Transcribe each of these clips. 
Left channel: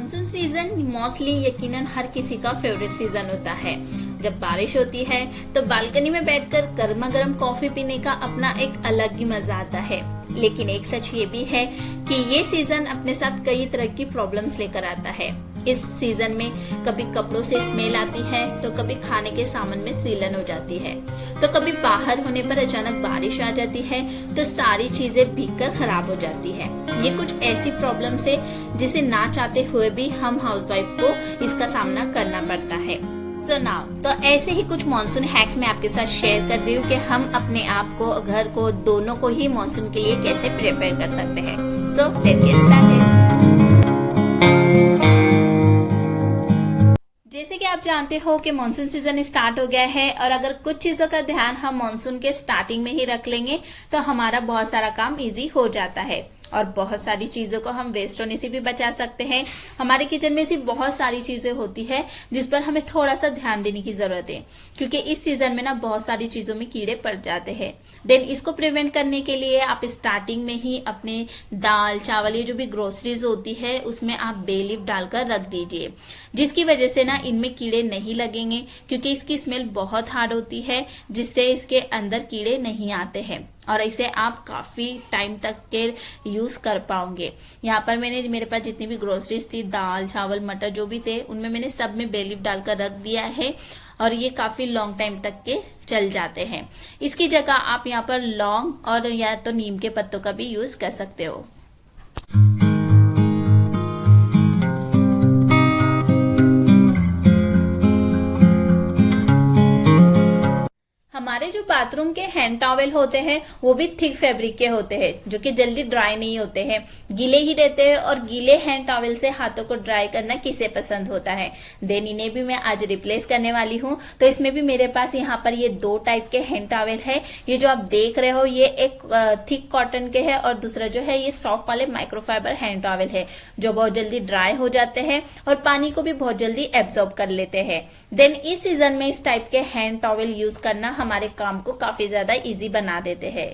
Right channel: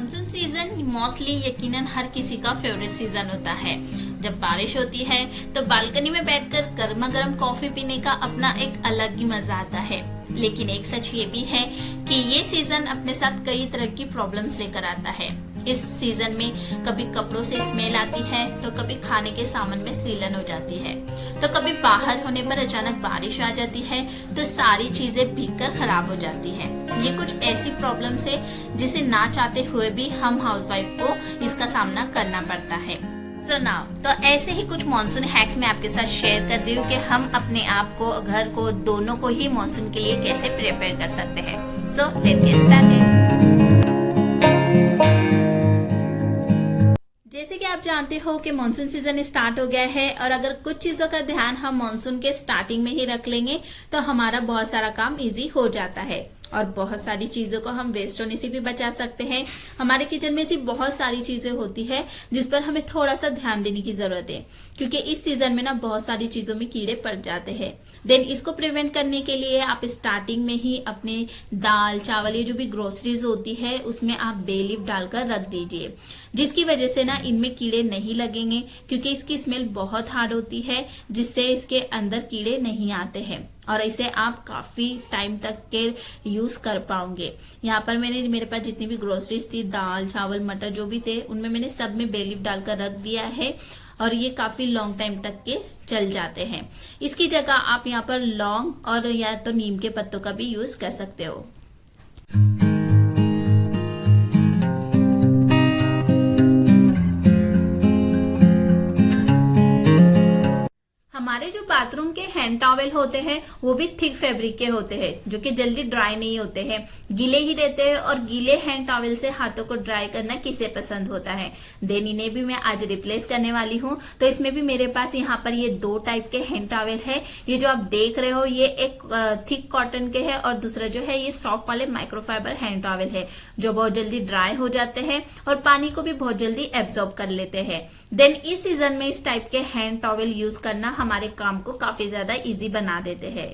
Monsoon season mostly यकीनन हर किसी का फेवरेट सीजन होता है। जब बारिश होती है तो बालकनी में बैठकर गर्मा गर्म कॉफी पीने का अपना एक अलग ही मजा आता है। लेकिन एक सच ये भी है कि ये सीजन अपने साथ कई तरह की प्रॉब्लम्स लेकर आता है। इस सीजन में कभी कपड़ों से स्मेल आती है तो कभी खाने के सामान में सीलन हो जाती है, तो कभी बाहर होने पर अचानक बारिश आ जाती है तो सारी चीजें भीगकर खराब हो जाती है। ये कुछ ऐसी प्रॉब्लम्स है जिसे ना चाहते हुए भी हम हाउसवाइफ को इसका सामना करना पड़ता है। सो नाउ तो ऐसे ही कुछ मॉनसून हैक्स मैं आपके साथ शेयर कर रही हूँ कि हम अपने आप को, घर को, दोनों को ही मॉनसून के लिए कैसे प्रिपेयर कर सकते हैं। So let's get started. जैसे कि आप जानते हो कि मॉनसून सीजन स्टार्ट हो गया है और अगर कुछ चीजों का ध्यान हम मॉनसून के स्टार्टिंग में ही रख लेंगे तो हमारा बहुत सारा काम इजी हो जाता है और बहुत सारी चीजों को हम वेस्ट होने से भी बचा सकते हैं। हमारे किचन में ऐसी बहुत सारी चीजें होती है जिस पर हमें थोड़ा सा ध्यान देने की जरूरत है, क्योंकि इस सीजन में ना बहुत सारी चीजों में कीड़े पड़ जाते हैं। देन इसको प्रिवेंट करने के लिए आप स्टार्टिंग में ही अपने दाल चावल ये जो भी ग्रोसरीज होती है उसमें आप बे लीफ डालकर रख दीजिए, जिसकी वजह से ना इनमें कीड़े नहीं लगेंगे, क्योंकि इसकी स्मेल बहुत हार्ड होती है जिससे इसके अंदर कीड़े नहीं आते हैं और इसे आप काफी टाइम तक के यूज कर पाओगे। यहाँ पर मेरे पास जितनी भी ग्रोसरीज थी, दाल चावल मटर जो भी थे, उनमें मैंने सब में बे लीफ डालकर रख दिया है और ये काफी लॉन्ग टाइम तक के चल जाते हैं। इसकी जगह आप यहाँ पर लौंग और या तो नीम के पत्तों का भी यूज कर सकते हो। हमारे जो बाथरूम के हैंड टॉवेल होते हैं वो भी थिक फैब्रिक के होते हैं जो कि जल्दी ड्राई नहीं होते हैं, गीले ही रहते हैं और गीले हैंड टॉवेल से हाथों को ड्राई करना किसे पसंद होता है। देन इन्हें भी मैं आज रिप्लेस करने वाली हूँ। तो इसमें भी मेरे पास यहाँ पर ये दो टाइप के हैंड टॉवेल है। ये जो आप देख रहे हो ये एक थिक कॉटन के है और दूसरा जो है ये सॉफ्ट वाले माइक्रोफाइबर हैंड टॉवेल है जो बहुत जल्दी ड्राई हो जाते हैं और पानी को भी बहुत जल्दी एब्जॉर्ब कर लेते हैं। देन इस सीजन में इस टाइप के हैंड टॉवेल यूज करना हमारे काम को काफी ज्यादा इजी बना देते हैं।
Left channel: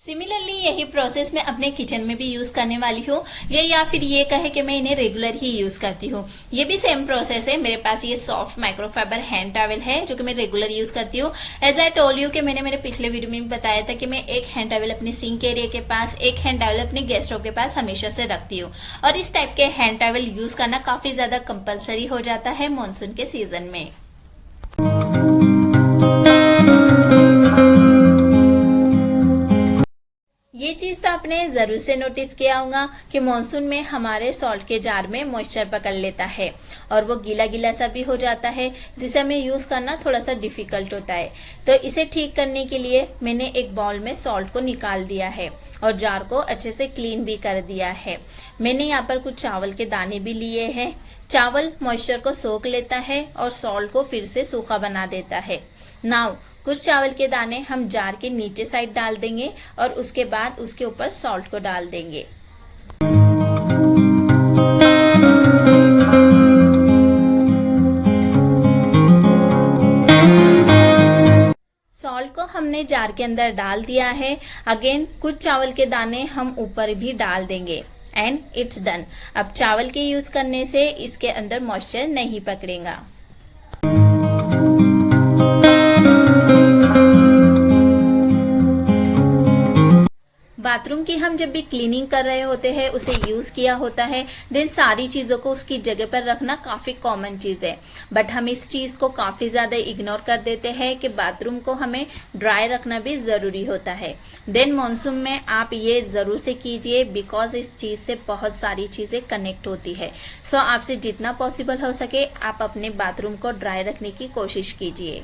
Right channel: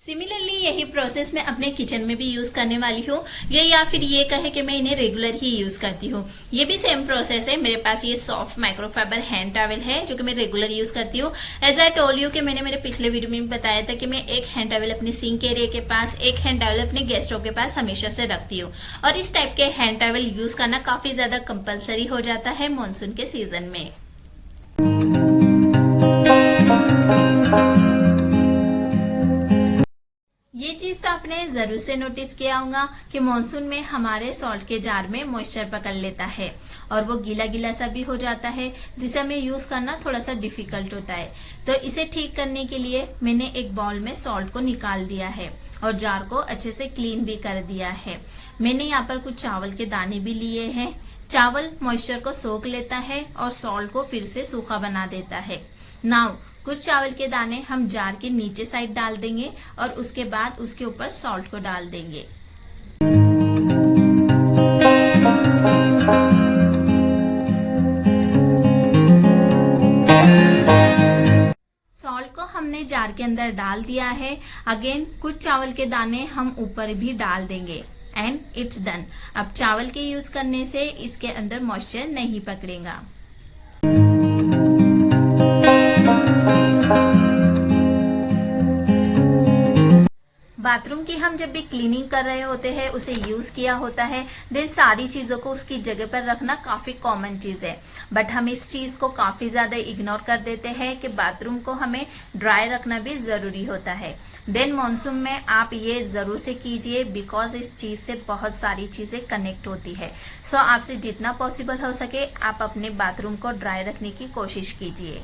सिमिलरली यही प्रोसेस मैं अपने किचन में भी यूज करने वाली हूँ, या फिर ये कहे कि मैं इन्हें रेगुलर ही यूज करती हूँ। ये भी सेम प्रोसेस है। मेरे पास ये सॉफ्ट माइक्रोफाइबर हैंड टॉवेल है जो कि मैं रेगुलर यूज करती हूँ। एज आई टोल्ड यू कि मैंने मेरे पिछले वीडियो में बताया था कि मैं एक हैंड टॉवेल अपने सिंक एरिया के पास, एक हैंड टॉवेल अपने गेस्ट रूम के पास हमेशा से रखती हूँ और इस टाइप के हैंड टॉवेल यूज करना काफी ज्यादा कंपलसरी हो जाता है मॉनसून के सीजन में। ये चीज तो आपने जरूर से नोटिस किया होगा कि मॉनसून में हमारे सॉल्ट के जार में मॉइस्चर पकड़ लेता है और वो गीला गीला सा भी हो जाता है जिसे हमें यूज करना थोड़ा सा डिफिकल्ट होता है। तो इसे ठीक करने के लिए मैंने एक बाउल में सॉल्ट को निकाल दिया है और जार को अच्छे से क्लीन भी कर दिया है। मैंने यहाँ पर कुछ चावल के दाने भी लिए हैं। चावल मॉइस्चर को सोख लेता है और सॉल्ट को फिर से सूखा बना देता है। नाउ कुछ चावल के दाने हम जार के नीचे साइड डाल देंगे और उसके बाद उसके ऊपर सॉल्ट को डाल देंगे। सॉल्ट को हमने जार के अंदर डाल दिया है। अगेन कुछ चावल के दाने हम ऊपर भी डाल देंगे एंड इट्स डन। अब चावल के यूज करने से इसके अंदर मॉइस्चर नहीं पकड़ेगा। बाथरूम की हम जब भी क्लीनिंग कर रहे होते हैं, उसे यूज किया होता है, देन सारी चीजों को उसकी जगह पर रखना काफी कॉमन चीज है, बट हम इस चीज को काफी ज्यादा इग्नोर कर देते हैं कि बाथरूम को हमें ड्राई रखना भी जरूरी होता है। देन मॉनसून में आप ये जरूर से कीजिए बिकॉज इस चीज से बहुत सारी चीजें कनेक्ट होती है। सो आपसे जितना पॉसिबल हो सके आप अपने बाथरूम को ड्राई रखने की कोशिश कीजिए।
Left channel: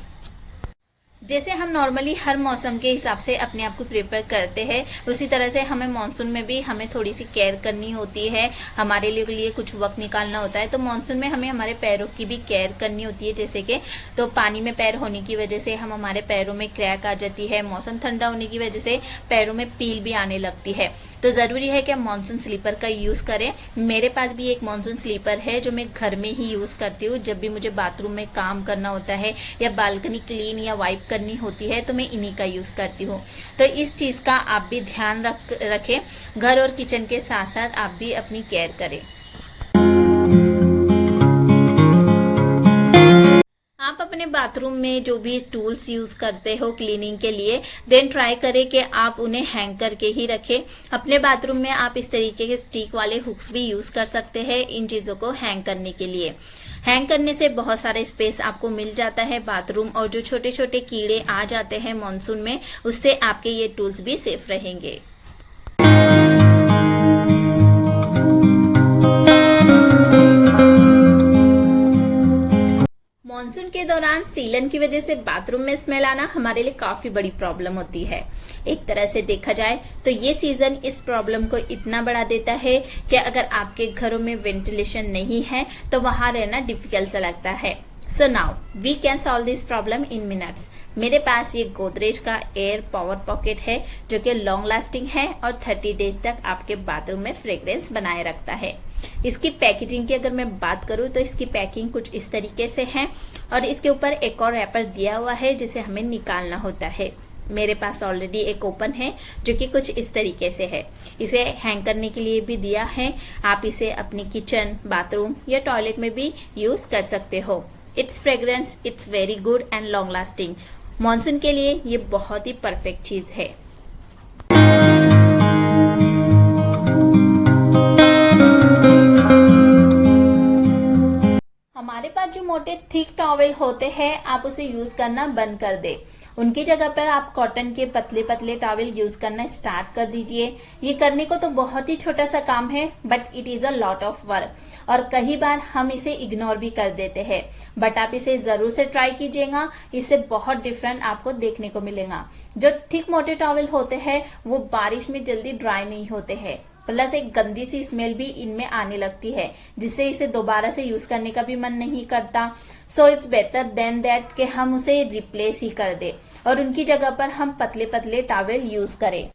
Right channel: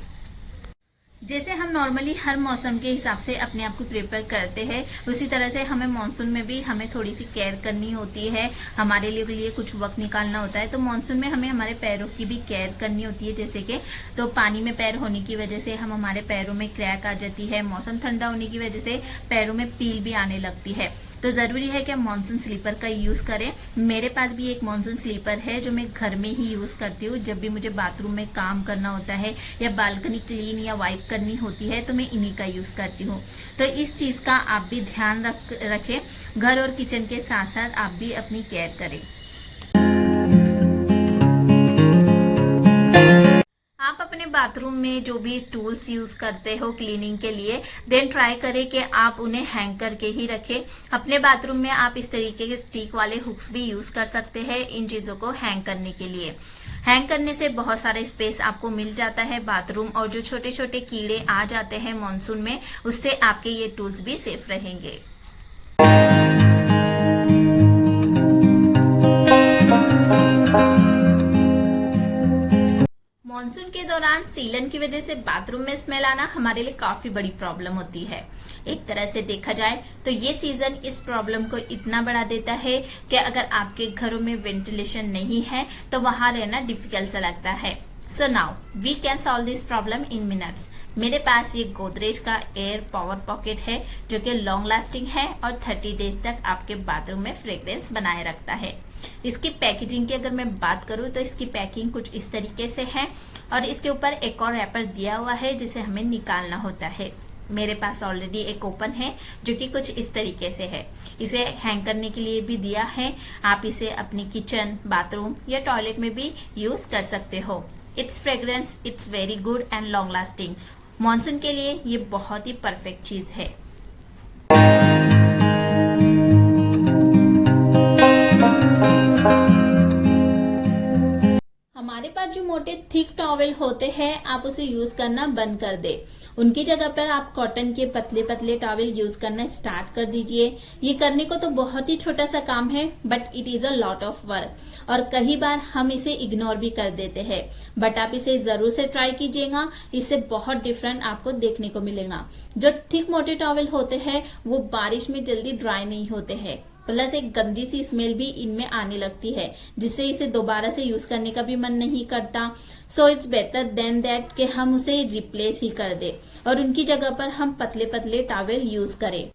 जैसे हम नॉर्मली हर मौसम के हिसाब से अपने आप को प्रिपेयर करते हैं, उसी तरह से हमें मानसून में भी हमें थोड़ी सी केयर करनी होती है, हमारे लिए कुछ वक्त निकालना होता है। तो मानसून में हमें हमारे पैरों की भी केयर करनी होती है। जैसे कि तो पानी में पैर होने की वजह से हमारे पैरों में क्रैक आ जाती है, मौसम ठंडा होने की वजह से पैरों में पील भी आने लगती है। तो ज़रूरी है कि हम मानसून स्लीपर का यूज़ करें। मेरे पास भी एक मानसून स्लीपर है जो मैं घर में ही यूज़ करती हूँ जब भी मुझे बाथरूम में काम करना होता है या बालकनी क्लीन या वाइप करनी होती है तो मैं इन्हीं का यूज़ करती हूँ। तो इस चीज़ का आप भी ध्यान रखें, घर और किचन के साथ साथ आप भी अपनी केयर करें। आप अपने बाथरूम में जो भी टूल्स यूज करते हो क्लीनिंग के लिए, देन ट्राई करें कि आप उन्हें हैंग करके ही रखें। अपने बाथरूम में आप इस तरीके के स्टिक वाले हुक्स भी यूज कर सकते हैं इन चीजों को हैंग करने के लिए। हैंग करने से बहुत सारा स्पेस आपको मिल जाता है बाथरूम, और जो छोटे छोटे कीड़े आ जाते हैं मॉनसून में, उससे आपके ये टूल्स भी सेफ रहेंगे। मॉनसून के दौरान सीलन की वजह से बाथरूम में स्मेल आना हमारे लिए काफी बड़ी प्रॉब्लम होती है। एक तरह से देखा जाए तो ये सीजन इस प्रॉब्लम को इतना बढ़ा देता है कि अगर आपके घरों में वेंटिलेशन नहीं है तो वहां रहना डिफिकल्ट सा लगता है। So now we can solve this problem in minutes. मेरे पास ये गोदरेज का एयर पावर पॉकेट है जो कि लॉन्ग लास्टिंग है और 30 डेज तक आपके बाथरूम में फ्रेग्रेंस बनाए रखता है। इसकी पैकेजिंग की अगर मैं बात करूं तो इसकी पैकिंग कुछ इस तरीके से है, और इसके ऊपर एक और रैपर दिया हुआ है जिसे हमें निकालना होता है। मेरे पास ऑलरेडी एक ओपन है जो कि कुछ इस तरीके से है। इसे हैंग करने के लिए भी दिया है। आप इसे अपनी किचन, बाथरूम या टॉयलेट में भी यूज कर सकते हो। It's fragrance it's very good and long lasting. Monsoon के लिए ये बहुत ही परफेक्ट चीज है। हमारे पास जो मोटे थिक टॉवेल होते हैं, आप उसे यूज करना बंद कर दे। उनकी जगह पर आप कॉटन के पतले पतले टॉवेल यूज करना स्टार्ट कर दीजिए। ये करने को तो बहुत ही छोटा सा काम है, but it is a lot of work, और कई बार हम इसे इग्नोर भी कर देते हैं। बट आप इसे जरूर से ट्राई कीजिएगा, इससे बहुत डिफरेंट आपको देखने को मिलेगा। जो थिक मोटे टॉवेल होते हैं वो बारिश में जल्दी ड्राई नहीं होते हैं, प्लस एक गंदी सी स्मेल भी इनमें आने लगती है, जिससे इसे दोबारा से यूज करने का भी मन नहीं करता। So it's better than that कि हम उसे रिप्लेस ही कर दे और उनकी जगह पर हम पतले पतले टॉवेल यूज करें।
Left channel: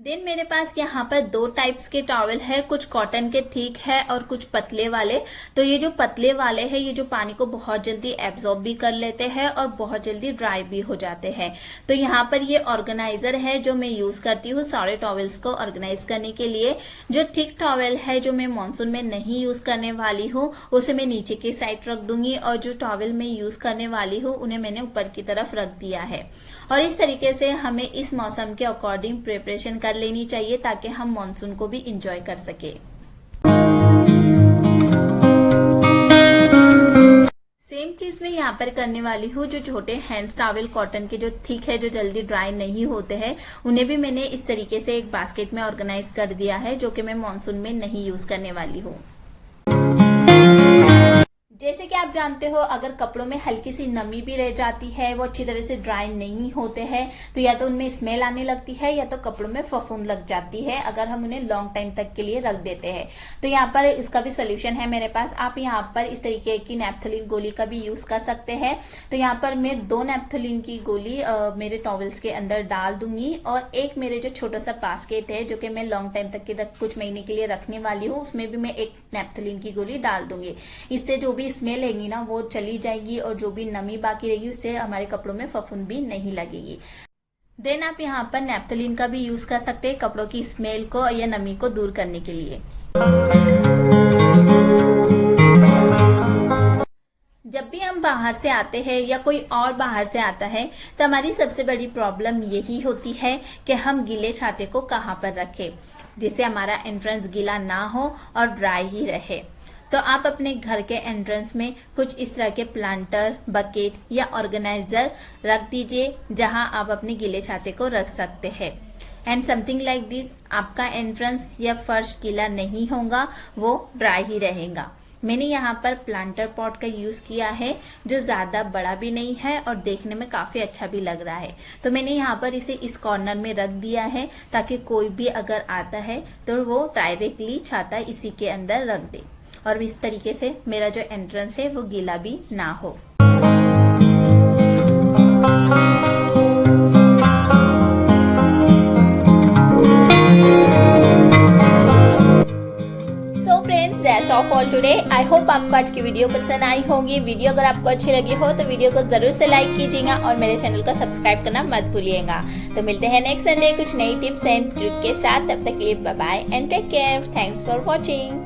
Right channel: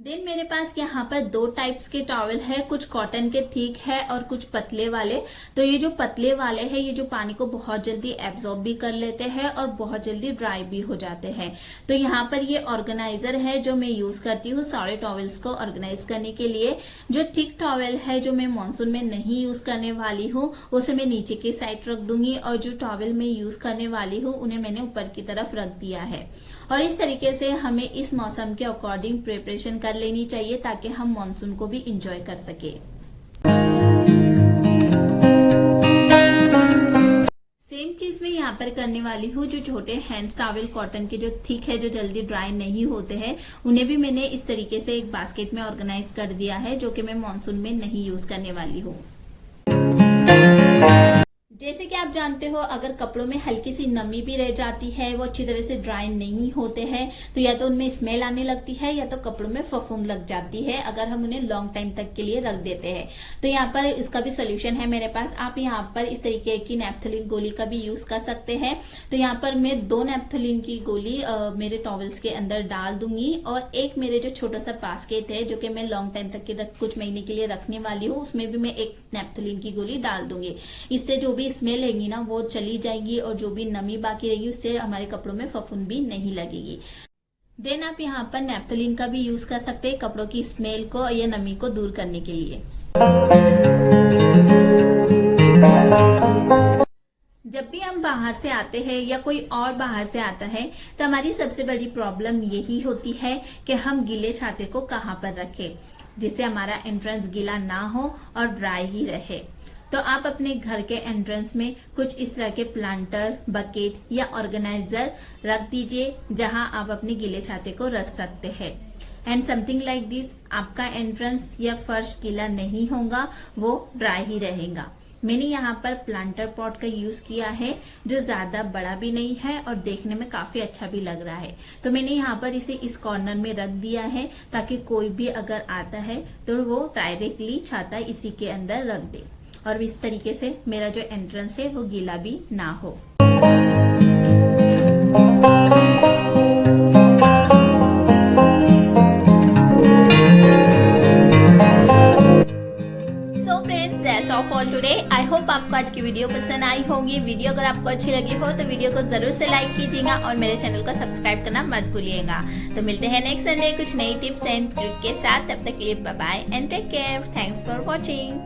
देन मेरे पास यहाँ पर दो टाइप्स के टॉवेल है, कुछ कॉटन के थिक है और कुछ पतले वाले। तो ये जो पतले वाले हैं ये जो पानी को बहुत जल्दी एब्जॉर्ब भी कर लेते हैं और बहुत जल्दी ड्राई भी हो जाते हैं। तो यहाँ पर ये ऑर्गेनाइजर है जो मैं यूज करती हूँ सारे टॉवेल्स को ऑर्गेनाइज करने के लिए। जो थिक टॉवेल है जो मैं मानसून में नहीं यूज करने वाली हूँ उसे मैं नीचे की साइड रख दूंगी, और जो टॉवेल मैं यूज करने वाली हूँ उन्हें मैंने ऊपर की तरफ रख दिया है। और इस तरीके से हमें इस मौसम के अकॉर्डिंग प्रिपरेशन कर लेनी चाहिए ताकि हम मॉनसून को भी इंजॉय कर सके। सेम चीज मैं यहाँ पर करने वाली हूँ। जो छोटे हैंड टॉवेल कॉटन के जो थिक है, जो जल्दी ड्राई नहीं होते हैं, उन्हें भी मैंने इस तरीके से एक बास्केट में ऑर्गेनाइज कर दिया है जो कि मैं मॉनसून में नहीं यूज करने वाली हूँ। जैसे कि आप जानते हो, अगर कपड़ों में हल्की सी नमी भी रह जाती है, वो अच्छी तरह से ड्राई नहीं होते हैं, तो या तो उनमें स्मेल आने लगती है या तो कपड़ों में फफूंद लग जाती है अगर हम उन्हें लॉन्ग टाइम तक के लिए रख देते हैं। तो यहाँ पर इसका भी सोल्यूशन है मेरे पास। आप यहाँ पर इस तरीके की नैप्थलीन गोली का भी यूज कर सकते हैं। तो यहाँ पर मैं 2 नैप्थलीन की गोली मेरे टॉवेल्स के अंदर डाल दूंगी, और एक मेरे जो छोटा सा बास्केट है जो कि मैं लॉन्ग टाइम तक के कुछ महीने के लिए रखने वाली हूँ, उसमें भी मैं एक नैप्थलीन की गोली डाल दूंगी। इससे जो भी स्मेल रहेगी ना वो चली जाएगी, और जो भी नमी बाकी रहेगी उससे हमारे कपड़ों में फफूंद भी नहीं लगेगी। देन आप यहाँ पर नैप्थलीन का भी यूज कर सकते हैं कपड़ों की स्मेल को या नमी को दूर करने के लिए। जब भी हम बाहर से आते हैं या कोई और बाहर से आता है तो हमारी सबसे बड़ी प्रॉब्लम यही होती है कि हम गीले छाते को कहाँ पर रखें जिससे हमारा एंट्रेंस गीला ना हो और ड्राई ही रहे। तो आप अपने घर के एंट्रेंस में कुछ इस तरह के प्लांटर, बकेट या ऑर्गेनाइजर रख दीजिए जहां आप अपने गीले छाते को रख सकते हैं। एंड समथिंग लाइक दिस, आपका एंट्रेंस या फर्श गीला नहीं होगा, वो ड्राई ही रहेगा। मैंने यहाँ पर प्लांटर पॉट का यूज किया है जो ज्यादा बड़ा भी नहीं है और देखने में काफी अच्छा भी लग रहा है। तो मैंने यहाँ पर इसे इस कॉर्नर में रख दिया है ताकि कोई भी अगर आता है तो वो डायरेक्टली छाता इसी के अंदर रख दे, और इस तरीके से मेरा जो एंट्रेंस है वो गीला भी ना हो। Of all today. I hope आपको आज की वीडियो पसंद आई होगी। वीडियो अगर आपको अच्छी लगी हो तो वीडियो को जरूर से लाइक कीजिएगा और मेरे चैनल को सब्सक्राइब करना मत भूलिएगा। तो मिलते हैं नेक्स्ट संडे कुछ नई टिप्स एंड ट्रिक के साथ। तब तक के लिए bye bye and take care. Thanks for watching.